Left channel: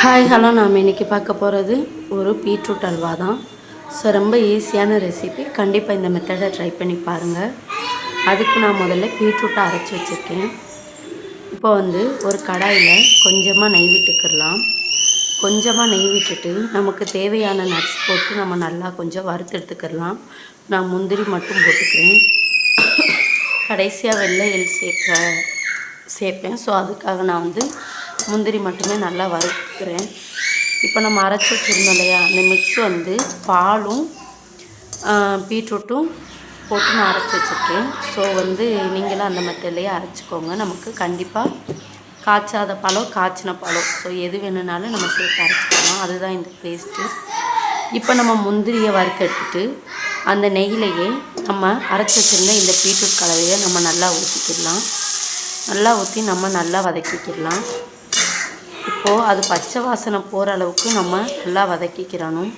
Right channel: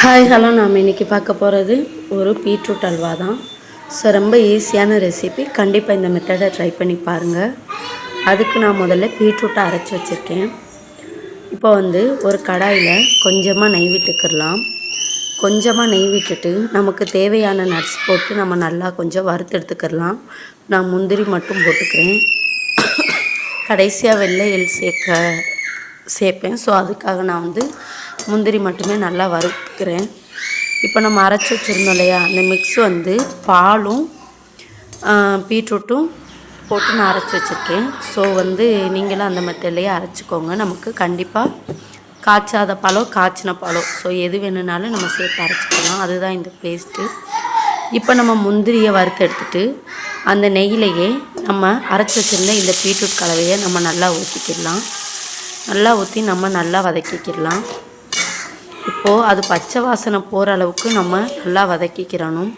Hi hello நாம் இன்றைக்கி பார்க்க போகிறது ஒரு பீட்ரூட் அல்வா தான். ஸோ ரொம்ப ஈஸியான ரெசிபி கண்டிப்பாக இந்த மெத்தடை ட்ரை பண்ணி பாருங்கள் அதுக்கு நான் முதல்ல பீட்ரூட்டை அரைச்சி வச்சுருக்கேன். இப்போ வந்து ஒரு கடாயில் கொஞ்சமாக நெய் விட்டுக்கிடலாம். கொஞ்சமாக நெய் விட்டுட்டு நமக்கு தேவையான நட்ஸ் போட்டு நம்ம நல்லா கொஞ்சம் வறுத்தெடுத்துக்கிடலாம் நான் முந்திரி மட்டும் போட்டுக்கிறேன். கடைசியாக வெள்ளை எல் சேர்க்க சேர்ப்பேன். ஸோ அதுக்காக நான் வந்து முந்திரி மட்டுமே நல்லா வறுக்கிறேன். இப்போ நம்ம அரைச்சி வச்சுருந்தோம் இல்லையா? அந்த மிக்ஸ் வந்து பாலும் பீட்ரூட்டும் போட்டு நான் அரைச்சி வச்சுருக்கேன். ஸோ வந்து நீங்களும் அந்த மெத்தட்லேயே அரைச்சிக்கோங்க. நமக்கு கண்டிப்பாக காய்ச்சாத பழம் காய்ச்சின பழம். ஸோ எது வேணுனாலும் நம்ம சேர்த்து அரைச்சிக்கலாம். அதுதான் இந்த பேஸ்ட்டு இப்போ நம்ம முந்திரியை வறுத்து எடுத்துட்டு அந்த நெய்யிலையே நம்ம அரைச்சி வச்சுருந்த இந்த பீட்ரூட் கலவையை நம்ம நல்லா ஊற்றிக்கிடலாம் நல்லா ஊற்றி நம்ம நல்லா வதக்கிக்கிடலாம். இப்போது அது பச்சை வாசனை போகிற அளவுக்கு நம்ம நல்லா வதக்கிக்கிறணும்.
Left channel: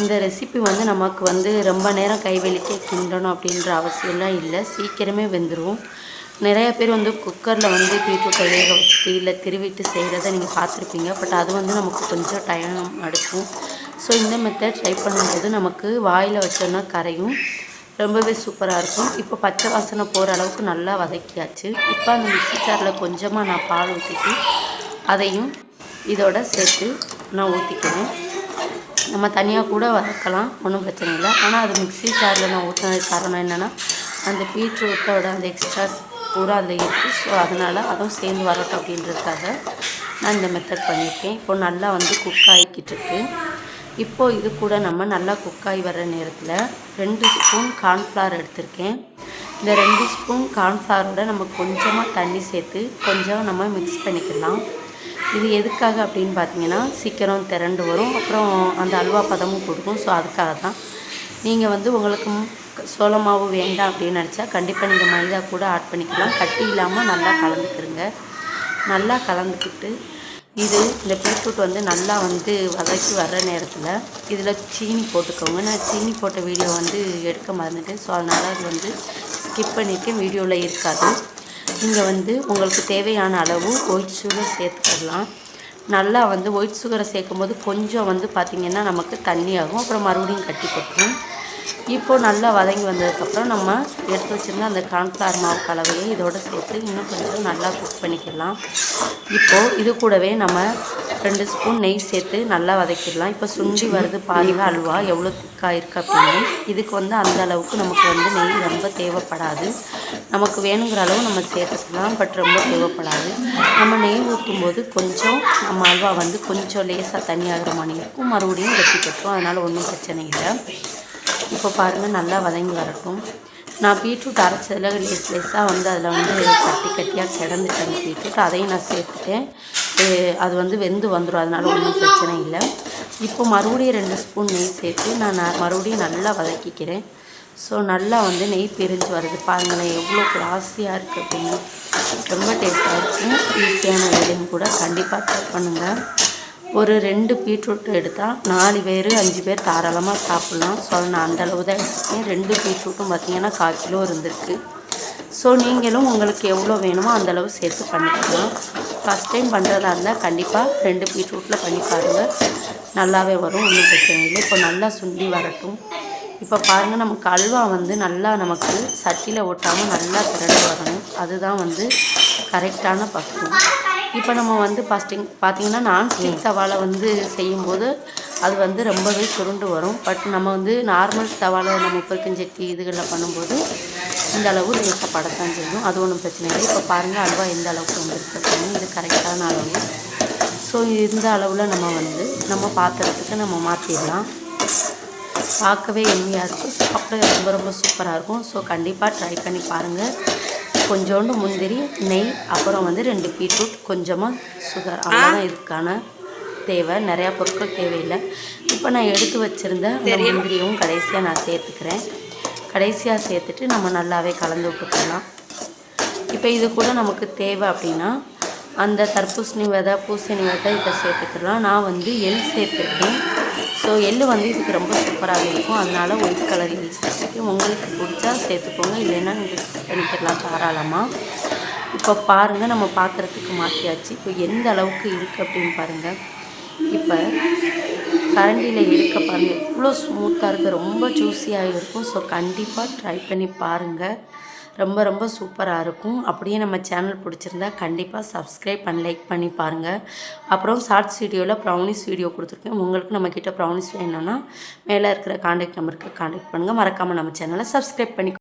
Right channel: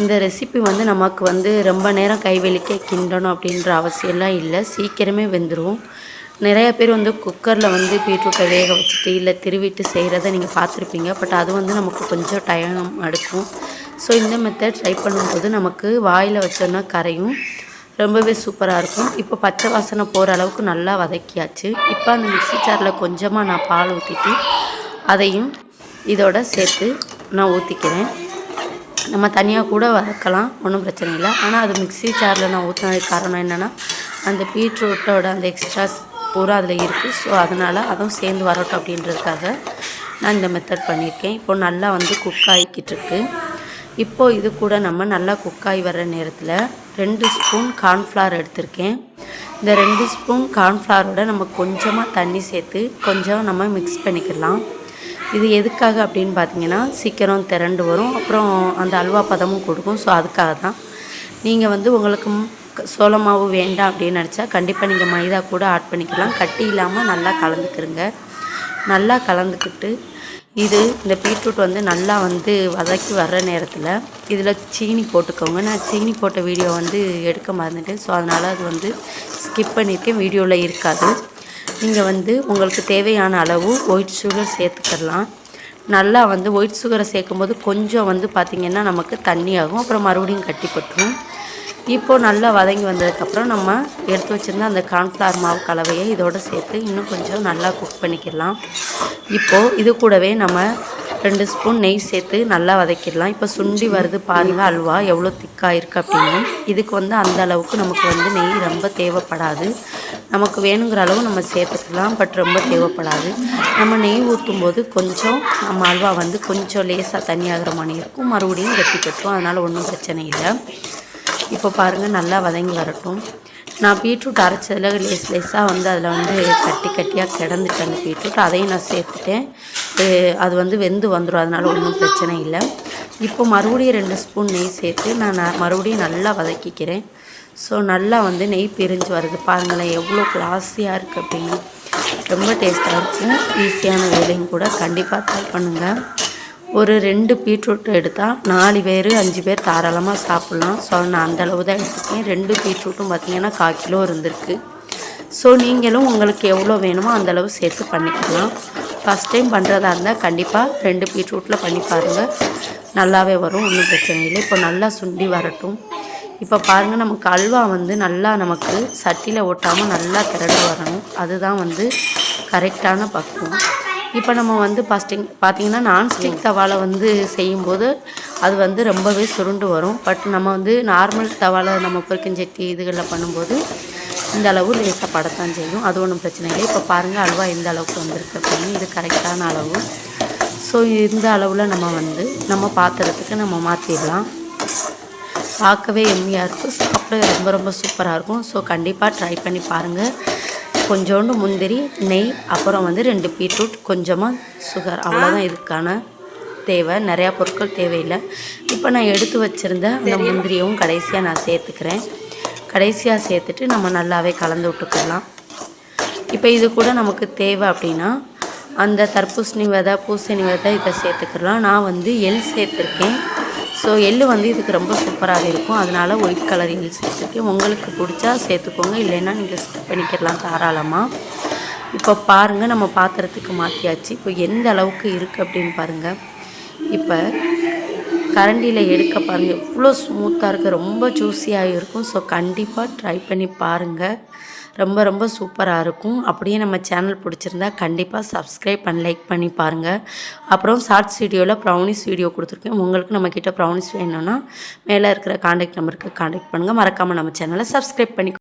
இந்த ரெசிபி வந்து நமக்கு வந்து ரொம்ப நேரம் கைவெளிக்க கிண்டணும் அப்படின்ற அவசியம்லாம் இல்லை. சீக்கிரமே வெந்துடும் நிறைய பேர் வந்து குக்கரில் வந்து பீட்ரூட்டை வேக வச்சுட்டு இல்லை திருவிட்டு செய்கிறத நீங்கள் பார்த்துருப்பீங்க. பட் அது வந்து நமக்கு கொஞ்சம் டைம் எடுக்கும். ஸோ இந்த மெத்தட் ட்ரை பண்ணும்போது நமக்கு வாயில் வச்சோன்னா கரையும். ரொம்பவே சூப்பராக இருக்கும். இப்போ பச்சை வாசனை போகிற அளவுக்கு நல்லா வதக்கியாச்சு. இப்போ அந்த மிக்ஸி ஜாரில் கொஞ்சமாக நான் பால் ஊற்றிட்டு அதையும் இதோட சேர்த்து நான் ஊற்றிக்கிறேன் நம்ம தனியாக கூட வதக்கலாம் ஒன்றும் பிரச்சனை இல்லை. ஆனால் அது மிக்ஸி ஜாரில் நான் ஊற்றினதுக்கு காரணம் என்னென்னா அந்த பீட்ரூட்டோட அந்த எக்ஸ்ட்ராஸ் பூரா அதில் இருக்குது ஸோ அதனால் அதுவும் சேர்ந்து வரட்டும் அப்படின்றதுக்காக நான் இந்த மெத்தட் பண்ணியிருக்கேன். இப்போ நல்லா வந்து குக் ஆகிக்கிட்டு இருக்கு. இப்போது இது கூட நம்ம நல்லா குக் ஆகி வர்ற நேரத்தில் ரெண்டு ஸ்பூன் கார்ன்ஃப்ளவர் எடுத்திருக்கேன். இந்த ரெண்டு ஸ்பூன் கார்ன்ஃப்ளவரோட நம்ம கொஞ்சமாக தண்ணி சேர்த்து கொஞ்சம் நம்ம மிக்ஸ் பண்ணிக்கலாம். இது எதுக்காக அப்படின்னு பார்த்தீங்கன்னா சீக்கிரம் திரண்டு வரும். அப்புறம் அந்த அல்வா பதமும் கொடுக்கும். ஸோ அதுக்காக தான். நீங்கள் வந்து உங்களுக்கு சோள மாவு வேண்டாம் அப்படின்னு நினச்சா கண்டிப்பாக நீங்கள் மைதா கூட ஆட் பண்ணிக்கலாம். கட்டி இல்லாமல் நல்லா கலந்துக்கிறங்க நல்லா கலந்துக்கிட்டு இது இந்த பீட்ரூட் வந்து நல்லா வந்து வதக்கி வர்ற நேரத்தில் இதில் சீனி போட்டுக்கோங்க. நான் சீனி போட்ட வீடியோ வந்து எடுக்க மறந்துட்டேன். ஸோ அதனால் அது வந்து ஸ்கிப் பண்ணிவிட்டு வீடியோவில் இருக்காது. நீங்கள் வந்து உங்களுக்கு தேவையான அளவு ஒயிட் சுகர் சேர்த்துக்கலாம். நல்லா வந்து ஒயிட் சுகரை சேர்க்கும்போது கொஞ்சம் வந்து பார்த்திங்கன்னா நமக்கு தண்ணி ஆகும் அப்புறம் மறுபடியும் கட்டிப்பட்டுரும் இப்போது நல்லா வதங்கி வந்ததுக்கப்புறம் நம்ம எடுத்து வச்சுருந்த அந்த கார்ன்ஃப்ளவர் மாவு கலவையை இதோடு சேர்த்து இன்னும் கொஞ்சம் நல்லா குக் பண்ணிக்கலாம். இப்போது இது கூடவே நம்ம ரெண்டு ஸ்பூன் நெய் சேர்த்து நல்லா வதக்கிடலாம். இப்போ சுண்டி வருது பாருங்கள் அல்வா எவ்வளோ திக்காக இருக்குது அப்படின்னு. இதுக்கு வந்து அந்த அளவுக்கு நமக்கு வந்து நெய் ரொம்ப தேவைப்படாது. நமக்கு வேணுங்கிற அளவு நம்ம சேர்த்துக்கலாம் பட் ரொம்ப தேவைப்படாது. நம்ம நெய் ஊற்றும் போது கொஞ்சம் நம்ம அல்வா வந்து கொஞ்சம் லேசாக தண்ணியாகிற மாதிரி இருக்கும். மறுபடியும் வெட்டி கட்டும். அதனால் ஒன்றும் பிரச்சனை இல்லை. இப்போ பாருங்கள் நல்லா வதங்கி வரட்டும். நான் பீட்ரூட் அரைச்சதில் லேஸ் லேஸாக வந்து அதில் வந்து கட்டி கட்டியாக கிடந்துட்டேன் பீட்ரூட். அதையும் நான் சேர்த்துட்டேன். அது வந்து வெந்து வந்துடும் அதனால் ஒன்றும் பிரச்சனை இல்லை. இப்போ மறுபடியும் ரெண்டு ஸ்பூன் நெய் சேர்த்து நான் மறுபடியும் நல்லா வதக்கிக்கிறேன். ஸோ நல்லா வந்து நெய் பிரிஞ்சு வருது. பாருங்களேன் எவ்வளோ கிளாஸியாக இருக்குது அப்படின்னு. ரொம்ப டேஸ்ட்டாக இருக்கும். ஈஸியான வேலையும் கூட. கண்டிப்பாக ட்ரை பண்ணுங்கள் ஒரு ரெண்டு பீட்ரூட் எடுத்தால் நாலு பேர் அஞ்சு பேர் தாராளமாக சாப்பிட்லாம். ஸோ நான் அந்தளவு தான் எடுத்துக்கேன் ரெண்டு பீட்ரூட்டும் பார்த்திங்கன்னா கால் கிலோ இருந்திருக்கு. ஸோ நீங்களும் உங்களுக்கு எவ்வளோ வேணுமோ அந்தளவு சேர்த்து பண்ணிக்கலாம். ஃபஸ்ட் டைம் பண்ணுறதா இருந்தால் கண்டிப்பாக ரெண்டு பீட்ரூட்டில் பண்ணி பாருங்கள் நல்லாவே வரும் ஒன்றும் பிரச்சனை இல்லை. இப்போ நல்லா சுண்டி வரட்டும். இப்போ பாருங்கள் நமக்கு அல்வா வந்து நல்லா நமக்கு சட்டியில் ஒட்டாமல் நல்லா திரண்டு வரணும். அதுதான் வந்து கரெக்டான பக்குவம். இப்போ நம்ம வந்து ஃபஸ்ட்டிங் பார்த்திங்கன்னா நான்ஸ்டிக் தவாவில் வந்து செய்யும்போது அது வந்து ரொம்பவே சுருண்டு வரும். பட் நம்ம வந்து நார்மல் தவாவில் நம்ம பொரிக்கஞ்சட்டி இதுகளில் பண்ணும்போது இந்த அளவு லேசாக படத்தான் செய்யும். அது ஒன்றும் பிரச்சனை இல்லை. இப்போ பாருங்கள் அல்வா எந்த அளவுக்கு வந்திருக்கு அப்படின்னு. இது கரெக்டான அளவு. ஸோ இந்த அளவில் நம்ம வந்து நம்ம பாத்திரத்துக்கு நம்ம மாற்றிடலாம் பார்க்கவே எம்மியாக இருக்கும் சாப்பிட ரொம்ப ரொம்ப சூப்பராக இருக்கும். ஸோ கண்டிப்பாக ட்ரை பண்ணி பாருங்கள் கொஞ்சோண்டு முந்திரி நெய் அப்புறம் வந்து ரெண்டு பீட்ரூட் கொஞ்சமாக சுகர். அவ்வளோதான் இதுக்கான தேவை. நிறையா பொருட்கள் தேவையில்லை. இப்போ நான் எடுத்து வச்சுருந்த அந்த முந்திரியும் கடைசியாக நான் சேர்த்துக்கிறேன். கடைசியாக சேர்த்துட்டு நம்ம நல்லாவே கலந்து விட்டுக்கலாம். இப்போ இது கூட நமக்கு தேவை அப்படின்னா அந்த தர்பூசணி விதை பூசணி விதை இதை சேர்த்துக்கலாம். நான் வந்து எள் சேர்த்துருக்கேன். ஸோ எள் வந்து இதுக்கு ரொம்ப சூப்பராக இருக்கும். அதனால் ஒயிட் கலர் எள் சேர்த்துருக்கேன் உங்களுக்கு பிடிச்சா சேர்த்துக்கோங்க. இல்லைன்னா நீங்கள் ஸ்கிப் பண்ணிக்கலாம் தாராளமாக இப்போ பாருங்கள் நம்ம பாத்திரத்துக்கு மாற்றியாச்சு இப்போ எந்த அளவுக்கு இருக்குது அப்படின்னு பாருங்கள் இப்போ கரண்டியில் எடுக்க பாருங்கள் எவ்வளோ ஸ்மூத்தாக இருக்குது ரொம்ப ஜூஸியாக இருக்கும். ஸோ கண்டிப்பாக ட்ரை பண்ணி பாருங்கள் ரொம்ப ரொம்ப சூப்பராக இருக்கும். அப்படியே நம்ம சேனல் பிடிச்சிருந்தா கண்டிப்பாக சப்ஸ்கிரைப் பண்ணி லைக் பண்ணி பாருங்கள் அப்புறம் ஷார்ட்ஸ் வீடியோவில் ப்ரௌனிஸ் வீடியோ கொடுத்துருக்கேன். உங்களுக்கு நம்மக்கிட்ட ப்ரௌனிஸ் வேணும்னா மேலே இருக்கிற காண்டாக்ட் நம்பருக்கு காண்டாக்ட் பண்ணுங்கள் மறக்காமல் நம்ம சேனலை சப்ஸ்கிரைப் பண்ணி